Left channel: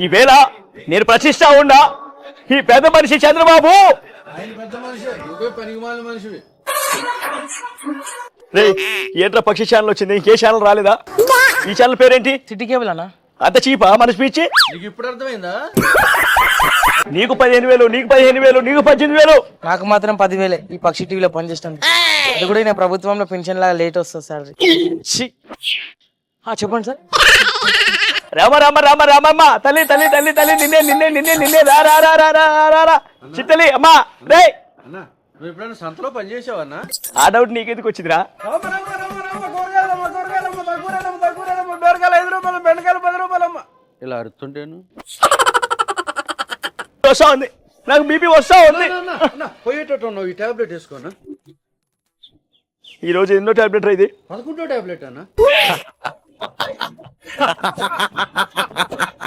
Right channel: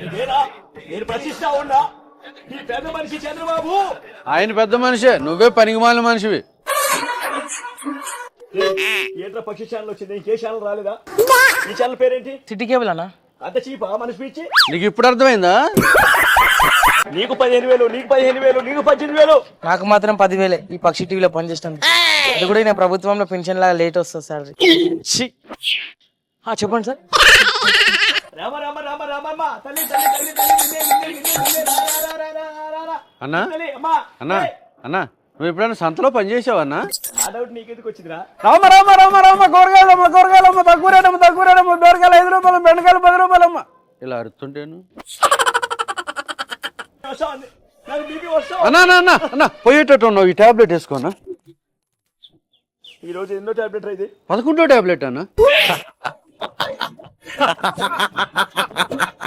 ఈవేళ నేను ప్రశ్నిస్తా ఉన్నా, ఈ పెద్ద మనిషి చంద్రబాబు, ఆయన పెద్ద మనిషే, నువ్వే పనికిమాలిన మనిషివి. ఏంట్రా పక్షి ఛానల్ వచ్చింది, ఇంకే ఛానల్ రాలేదా? ఈ ఛానల్ పేరేంటి? సిటీ కేబుల్ అన్న. అంత చీపా మన స్పీచ్? నీకు ఇప్పుడు అర్థమైందా? నీకు 15,000, నీకు 15,000, నీకు 18,000. నాకు మాత్రం 10,000 ఈ పక్షి టీవీలో పనిచేస్తాను. అది కూడా నేను ప్రభుత్వంలో పెన్షన్ లాగా లేట్ వస్తుంది సార్. చెప్పండి సార్. రామ రామ రామ రామమ్మ, తల్లి తల్లి తల్లి తల్లి, నిన్నే నిన్నే నిన్నే నిన్నే, రా రా రా రా రా రా రా తల్లి అమ్మా. అన్నా నువ్వు ఎప్పుడైనా సంతలో పనిచేసావన్నా? ఆ డౌట్ నీకెందుకు వచ్చిందిరా? రామ రామ రామ రామ, కూరగాయలమ్మ కూరగాయలమ్మ, తక్కువరేనమ్మ తక్కువరేనమ్మ, బెండకాయలు 5 రూపాయలు, బెండకాయలు 10 రూపాయలమ్మ. ఇలా అరుతుంటేను వస్తా ఉంది, నాకు బీపీ వస్తా. అన్నా పోయేటట్టు ఉన్నావు, ఈ టాబ్లెట్ వేసుకోనా? ఈ రోజు ఎన్నో టాబ్లెట్ ఇది? 11వ టాబ్లెట్ అన్నా.